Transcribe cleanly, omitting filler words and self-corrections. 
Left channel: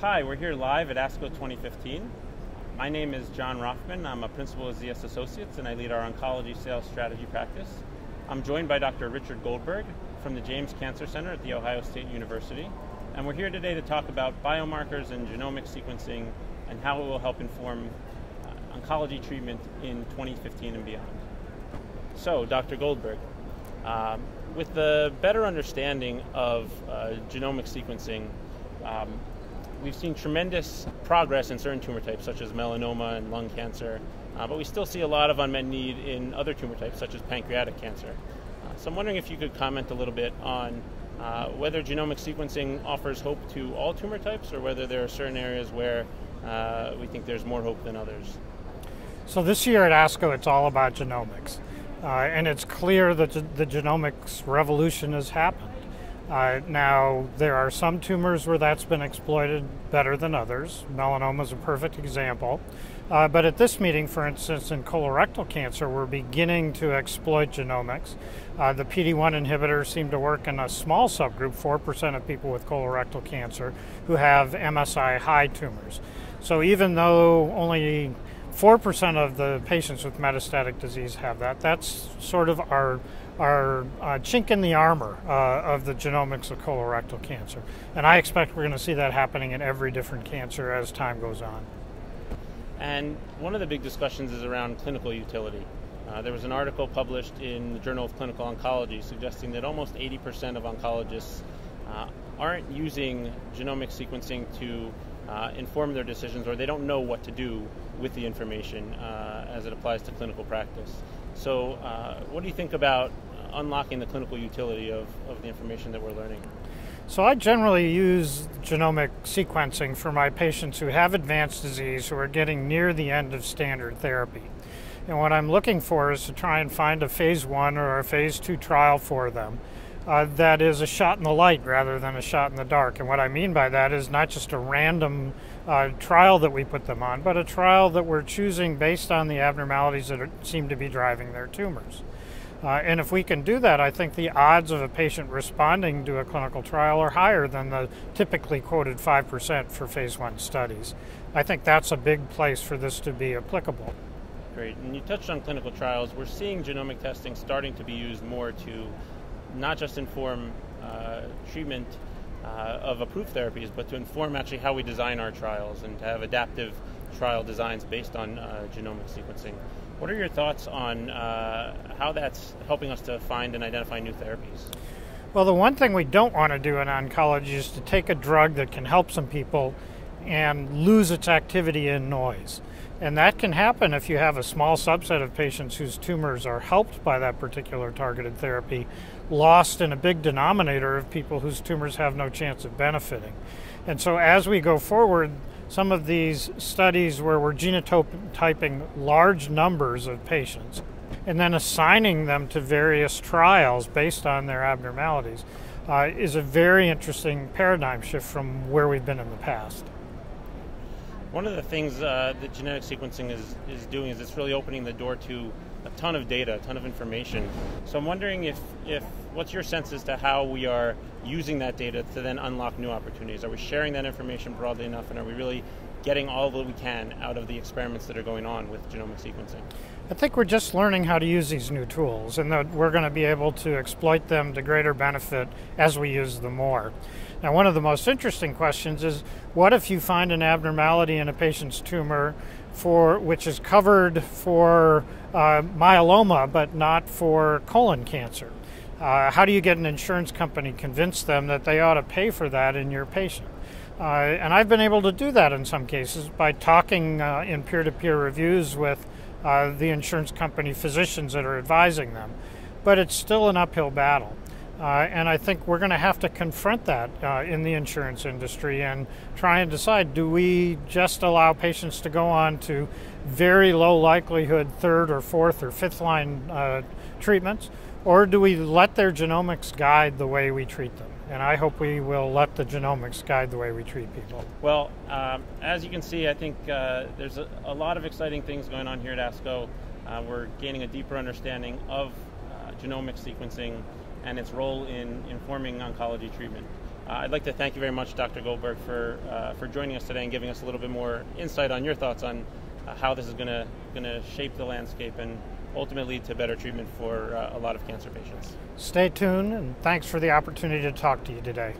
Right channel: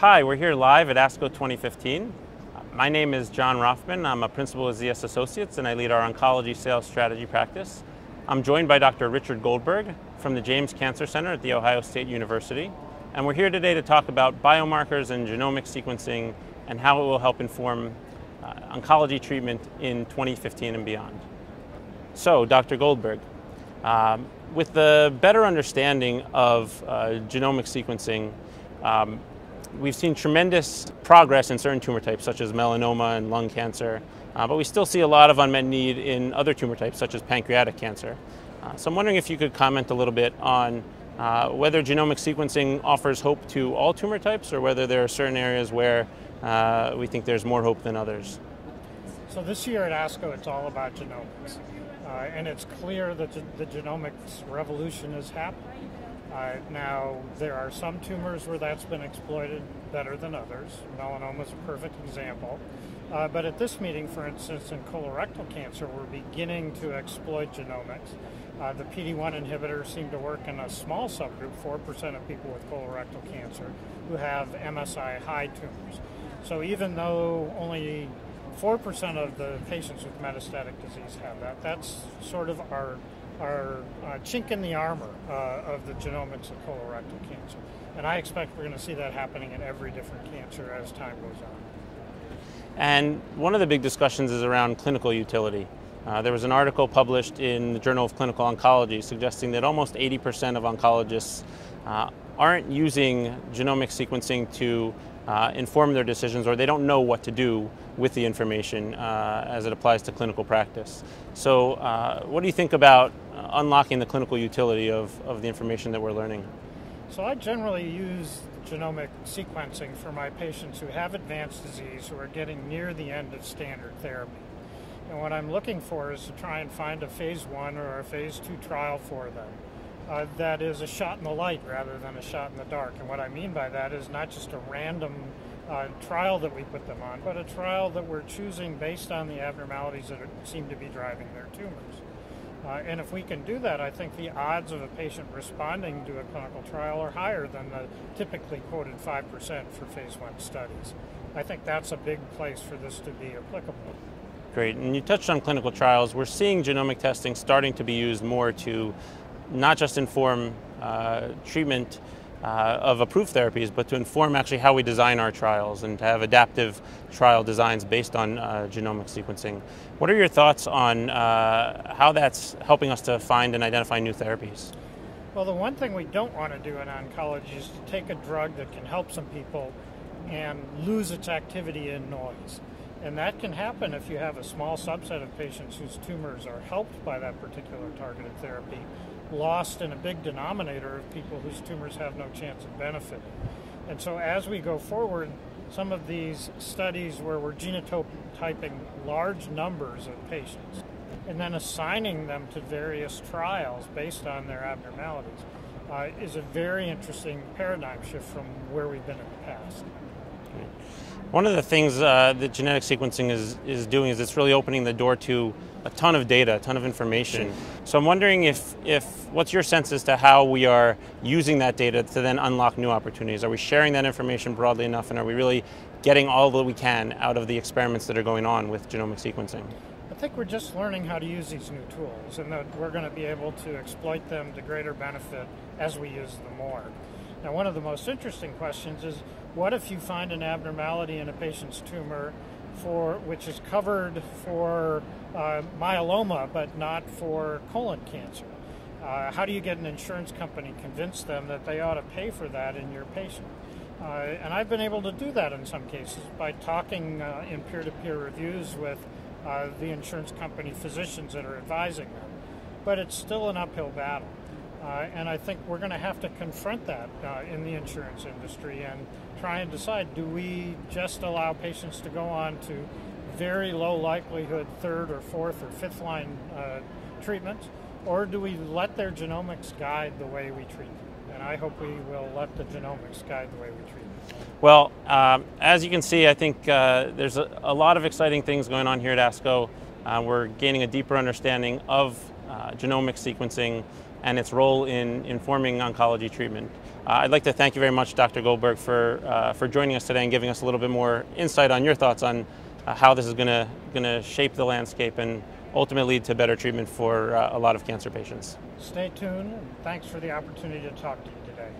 Hi, we're here live at ASCO 2015. My name is Jon Roffman. I'm a principal at ZS Associates and I lead our oncology sales strategy practice. I'm joined by Dr. Richard Goldberg from the James Cancer Center at The Ohio State University. And we're here today to talk about biomarkers and genomic sequencing and how it will help inform oncology treatment in 2015 and beyond. So, Dr. Goldberg, with the better understanding of genomic sequencing, we've seen tremendous progress in certain tumor types, such as melanoma and lung cancer, but we still see a lot of unmet need in other tumor types, such as pancreatic cancer. So I'm wondering if you could comment a little bit on whether genomic sequencing offers hope to all tumor types, or whether there are certain areas where we think there's more hope than others. So this year at ASCO, it's all about genomics. And it's clear that the genomics revolution has happened. Now, there are some tumors where that's been exploited better than others. Melanoma is a perfect example. But at this meeting, for instance, in colorectal cancer, we're beginning to exploit genomics. The PD-1 inhibitors seem to work in a small subgroup, 4% of people with colorectal cancer who have MSI-high tumors. So even though only 4% of the patients with metastatic disease have that, that's sort of our chink in the armor of the genomics of colorectal cancer. And I expect we're going to see that happening in every different cancer as time goes on. And one of the big discussions is around clinical utility. There was an article published in the Journal of Clinical Oncology suggesting that almost 80% of oncologists aren't using genomic sequencing to inform their decisions, or they don't know what to do with the information as it applies to clinical practice. So what do you think about unlocking the clinical utility of the information that we're learning? So I generally use genomic sequencing for my patients who have advanced disease, who are getting near the end of standard therapy. And what I'm looking for is to try and find a phase 1 or a phase 2 trial for them that is a shot in the light rather than a shot in the dark. And what I mean by that is not just a random trial that we put them on, but a trial that we're choosing based on the abnormalities that seem to be driving their tumors. And if we can do that, I think the odds of a patient responding to a clinical trial are higher than the typically quoted 5% for phase 1 studies. I think that's a big place for this to be applicable. Great. And you touched on clinical trials. We're seeing genomic testing starting to be used more to not just inform treatment of approved therapies, but to inform actually how we design our trials and to have adaptive trial designs based on genomic sequencing. What are your thoughts on how that's helping us to find and identify new therapies? Well, the one thing we don't want to do in oncology is to take a drug that can help some people and lose its activity in noise. And that can happen if you have a small subset of patients whose tumors are helped by that particular targeted therapy, lost in a big denominator of people whose tumors have no chance of benefiting. And so as we go forward, some of these studies where we're genotyping large numbers of patients and then assigning them to various trials based on their abnormalities is a very interesting paradigm shift from where we've been in the past. One of the things that genetic sequencing is doing is it's really opening the door to a ton of data, a ton of information. So I'm wondering if what's your sense as to how we are using that data to then unlock new opportunities? Are we sharing that information broadly enough, and are we really getting all that we can out of the experiments that are going on with genomic sequencing? I think we're just learning how to use these new tools, and that we're going to be able to exploit them to greater benefit as we use them more. Now, one of the most interesting questions is, what if you find an abnormality in a patient's tumor which is covered for myeloma but not for colon cancer? How do you get an insurance company convince them that they ought to pay for that in your patient? And I've been able to do that in some cases by talking in peer-to-peer reviews with the insurance company physicians that are advising them. But it's still an uphill battle. And I think we're going to have to confront that in the insurance industry and try and decide, do we just allow patients to go on to very low likelihood third or fourth or fifth line treatments, or do we let their genomics guide the way we treat them? And I hope we will let the genomics guide the way we treat people. Well, as you can see, I think there's a lot of exciting things going on here at ASCO. We're gaining a deeper understanding of genomic sequencing and its role in informing oncology treatment. I'd like to thank you very much, Dr. Goldberg, for joining us today and giving us a little bit more insight on your thoughts on how this is going to shape the landscape and ultimately lead to better treatment for a lot of cancer patients. Stay tuned, and thanks for the opportunity to talk to you today.